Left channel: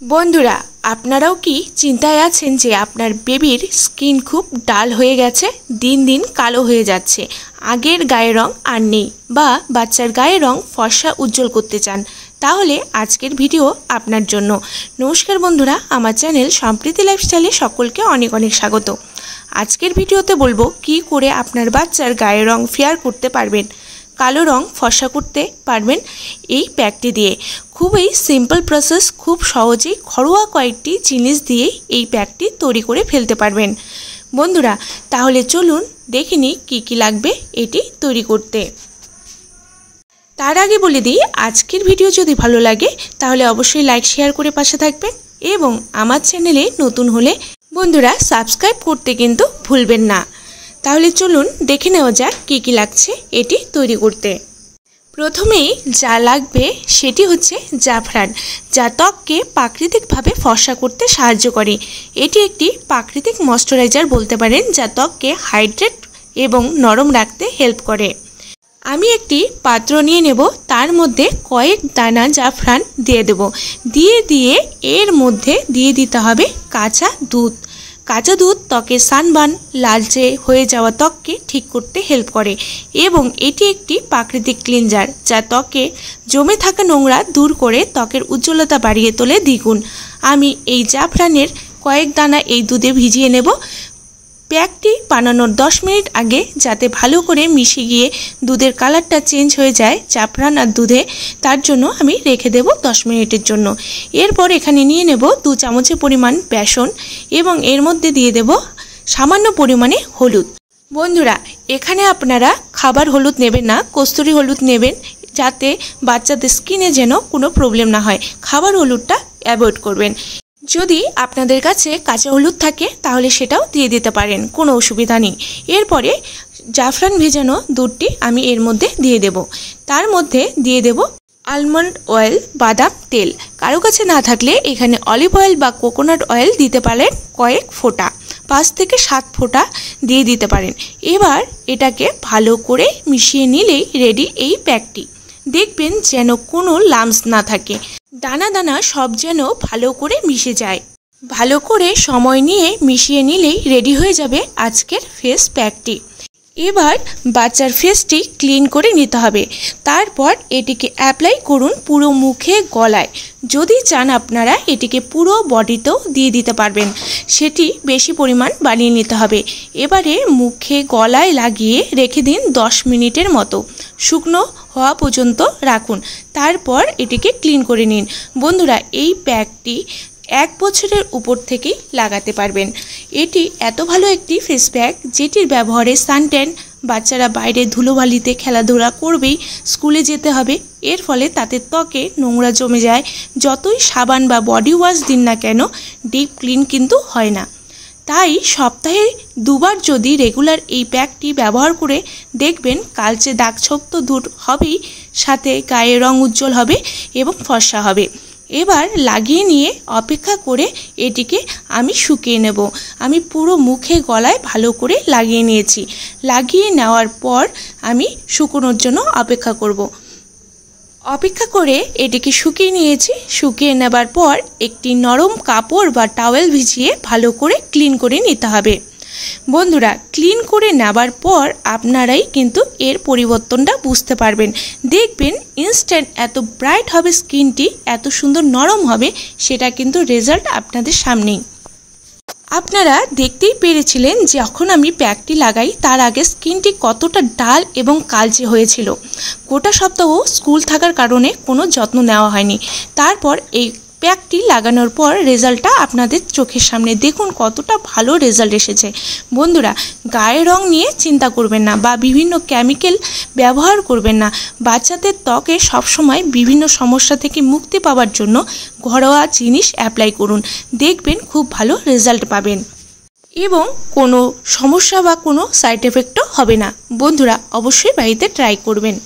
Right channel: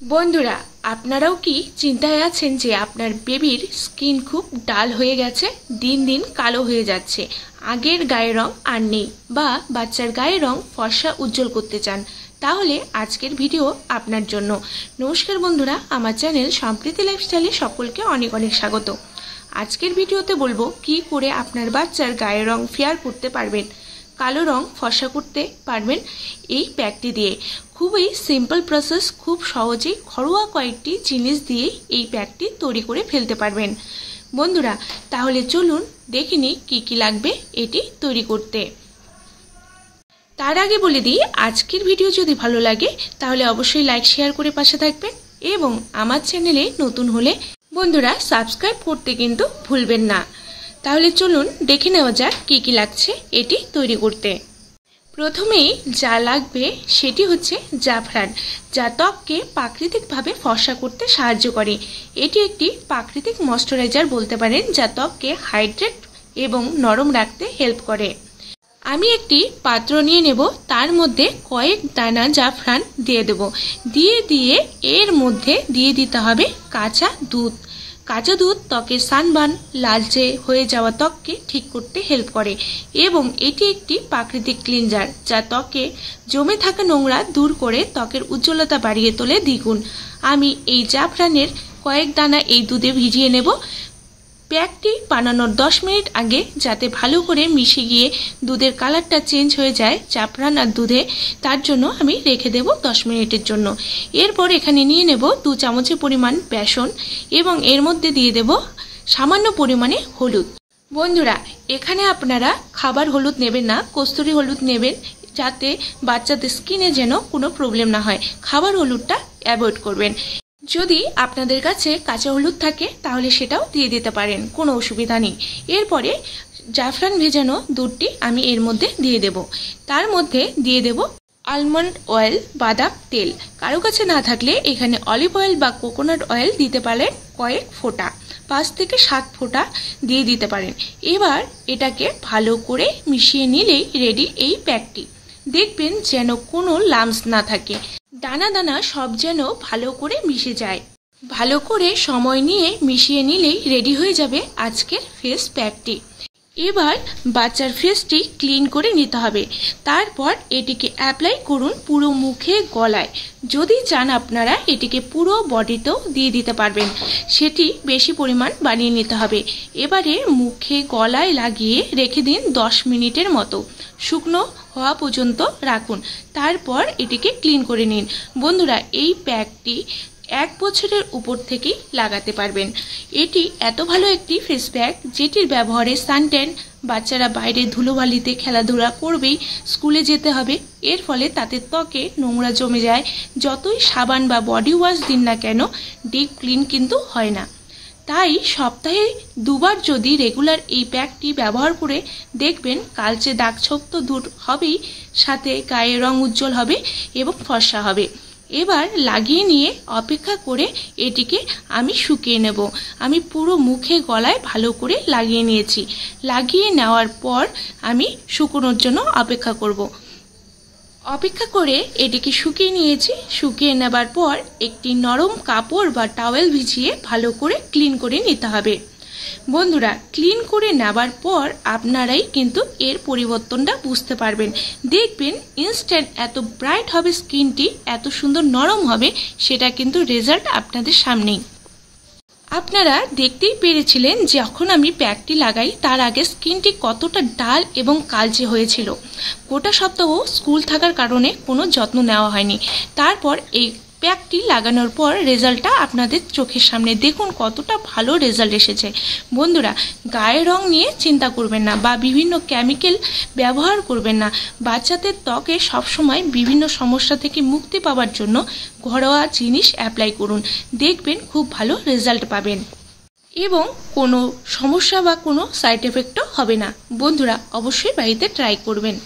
বন্ধুরা, আপনারাও কি চিন্তায় আছেন যে আপনার বেবির স্কিন খুব ডাল হয়ে গেছে, দিন দিন কালো হয়ে যাচ্ছে, আগের গায়ের রং আর নেই, বা বাচ্চার গায়ের রং ফর্সা উজ্জ্বল করতে চান? তাহলে আজকের ভিডিও আপনার জন্য। নমস্কার বন্ধুরা, আমার চ্যানেল সম্প্রীতি লাইফস্টাইলে সকলকে অনেক অনেক স্বাগত। আজকের ভিডিওতে বলবো কি করে আপনার বাচ্চার গায়ের রং ফেয়ার করতে পারবেন, কালো রং ফর্সা করতে পারবেন এই প্যাকটি দিয়ে। খুবই সিম্পল প্রসেস, খুব সহজেই ঘরোয়া কয়েকটি জিনিস দিয়ে এই প্যাকটি তৈরি করে ফেলতে পারবেন। বন্ধুরা, তাহলে চলুন দেখে নিই কী কী লাগবে এটি তৈরি করতে। তার আগে বলে দিই, আজকের ভিডিও যদি ভালো লাগে তাহলে অবশ্যই লাইক শেয়ার করে পাশে থাকবেন, এবং আমার চ্যানেলে নতুন হলে বন্ধুরা সাবস্ক্রাইব করতে কিন্তু ভুলবেন না। তাহলে চলুন দেখে নেওয়া যাক কী কী লাগছে এটি তৈরি করতে। প্রথমেই যা লাগবে সেটি হচ্ছে জাফরান, যা ত্বককে প্রাকৃতিকভাবে ফর্সা করতে সাহায্য করে। এটি একটি প্রাকৃতিক ময়শ্চারাইজার বলতে পারেন, যা ত্বককে হাইড্রেট এবং নরম রাখতে হেল্প করে। আমি একটি পাত্র নিয়ে নেব, তার মধ্যে কয়েক দানা জাফরান দিয়ে দেব। দিয়ে এর মধ্যে দিয়ে দিতে হবে কাঁচা দুধ। কাঁচা দুধ ত্বকের সানবার্ন, লালচে হয়ে যাওয়া ত্বককে ঠিক করতে হেল্প করে, এবং এটি একটি প্রাকৃতিক ক্লিনজার, যা ত্বকে জমে থাকা নোংরা দূর করে ত্বকের উজ্জ্বলতা বাড়িয়ে তোলে দ্বিগুণ। আমি এই জাফরানের কয়েক দানা এই দুধে ভিজিয়ে নেব প্যাকটি বানানোর 10 মিনিট আগে, যাতে ভালো করে মিশে গিয়ে দুধের কালারটা চেঞ্জ হয়ে যায় জাফরান আর দুধে। তার জন্য আমি রেখে দেব 10 মিনিটের জন্য। এরপর এখানে নিয়ে নেব 2 চামচের পরিমাণ বেসন, এবং এর মধ্যে দিয়ে দেব সামান্য পরিমাণে হলুদ। বন্ধুরা, এখানে আপনারা খাবার হলুদ নেবেন না, কস্তুরি হলুদ নেবেন, যাতে বাচ্চাদের স্কিনে যেন কোনো প্রবলেম না হয়। খাবার হলুদটা অ্যাভয়েড করবেন। যদি আপনাদের কাছে কাঁচা হলুদ থাকে তাহলে সেটাও দিয়ে দিতে পারেন, কোনো অসুবিধা নেই। এরপরে জাফরান ভেজানো দুধটি আমি এর মধ্যে দিয়ে দেব। তার মধ্যে দিয়ে দেব আলমন্ড অয়েল, বাদাম তেল। কারো কাছে না থাকলে এখানে অলিভ অয়েল বা কোকোনাট অয়েল দিতে পারেন কয়েক ফোঁটা, 5 থেকে 7 ফোঁটা দিয়ে দিতে পারেন। এবার এটাকে ভালো করে মিশিয়ে নিলেই রেডি এই প্যাকটি। দেখবেন যেন কোনো লাম্পস না থাকে, দানা দানা সব যেন ভালো করে মিশে যায়। ভালো করে সময় নিয়ে মিশিয়ে নিলেই রেডি হয়ে যাবে আজকের ফেস প্যাকটি। এবার বাচ্চার ফেসটি ক্লিন করে নিতে হবে। তারপর এটিকে অ্যাপ্লাই করুন পুরো মুখে, গলায়। যদি চান আপনারা এটিকে পুরো বডিতেও দিয়ে দিতে পারবেন, সেটি বেশি পরিমাণ বানিয়ে নিতে হবে। এবারে মুখে, গলায় লাগিয়ে রেখে দিন 10 মিনিটের মতো, শুকনো হওয়া পর্যন্ত রাখুন। তারপর এটিকে ক্লিন করে নিন। বন্ধুরা, এই প্যাকটি 1 বছরের উপর থেকেই লাগাতে পারবেন। এটি এত ভালো একটি ফেস প্যাক, যেটির ব্যবহারে সানট্যান, বাচ্চারা বাইরে ধুলোবালিতে খেলাধুলা করবেই, স্কুলে যেতে হবে, এর ফলে তাতে ত্বকে নোংরা জমে যায়। যতই সাবান বা বডি ওয়াশ দিন না কেন, ডিপ ক্লিন কিন্তু হয় না। তাই সপ্তাহে 2 বার যদি রেগুলার এই প্যাকটি ব্যবহার করে দেখবেন, কালচে দাগ ছোপ তো দূর হবেই, সাথে গায়ের রং উজ্জ্বল হবে এবং ফর্সা হবে। এবার লাগিয়ে নিয়ে অপেক্ষা করে এটিকে আমি শুকিয়ে নেব। আমি পুরো মুখে, গলায় ভালো করে লাগিয়ে নিয়েছি। লাগিয়ে নেওয়ার পর আমি শুকোনোর জন্য অপেক্ষা করব। অপেক্ষা করে এটিকে শুকিয়ে নিয়েছি। শুকিয়ে নেবার পর একটি নরম কাপড় বা টাওয়েল ভিজিয়ে ভালো করে ক্লিন করে নিতে হবে। বন্ধুরা, ক্লিন করে নেবার পর আপনারাই কিন্তু এর পরিবর্তনটা বুঝতে পারবেন। দেখবেন ইনস্ট্যান্ট এত ব্রাইট হবে স্কিনটি, এত সুন্দর নরম হবে, সেটা কিন্তু রেজাল্ট আপনাদের সামনেই। আপনারা দেখতেই পেরেছিলেন যখন আমি প্যাকটি লাগাই তার আগে স্কিনটি কতটা ডাল এবং কালচে হয়েছিল। গোটা সপ্তাহ স্কুল থাকার কারণে কোনো যত্ন নেওয়া হয়নি। তারপর এই প্যাকটি লাগানোর পর রেজাল্টটা আপনাদের চোখের সামনে, দেখুন কতটা ভালো রেজাল্ট এসেছে। বন্ধুরা, গায়ের রং নিয়ে চিন্তা করবেন না, বা বিভিন্ন কেমিক্যাল ব্যবহার করবেন না। বাচ্চাদের ত্বকে সবসময় বিভিন্ন সমস্যা থেকে মুক্তি পাওয়ার জন্য ঘরোয়া জিনিস অ্যাপ্লাই করুন, দেখবেন খুব ভালো রেজাল্ট পাবেন, এবং কোনো সমস্যা বা কোনো সাইড এফেক্টও হবে না। বন্ধুরা, অবশ্যই বাড়িতে ট্রাই করবেন।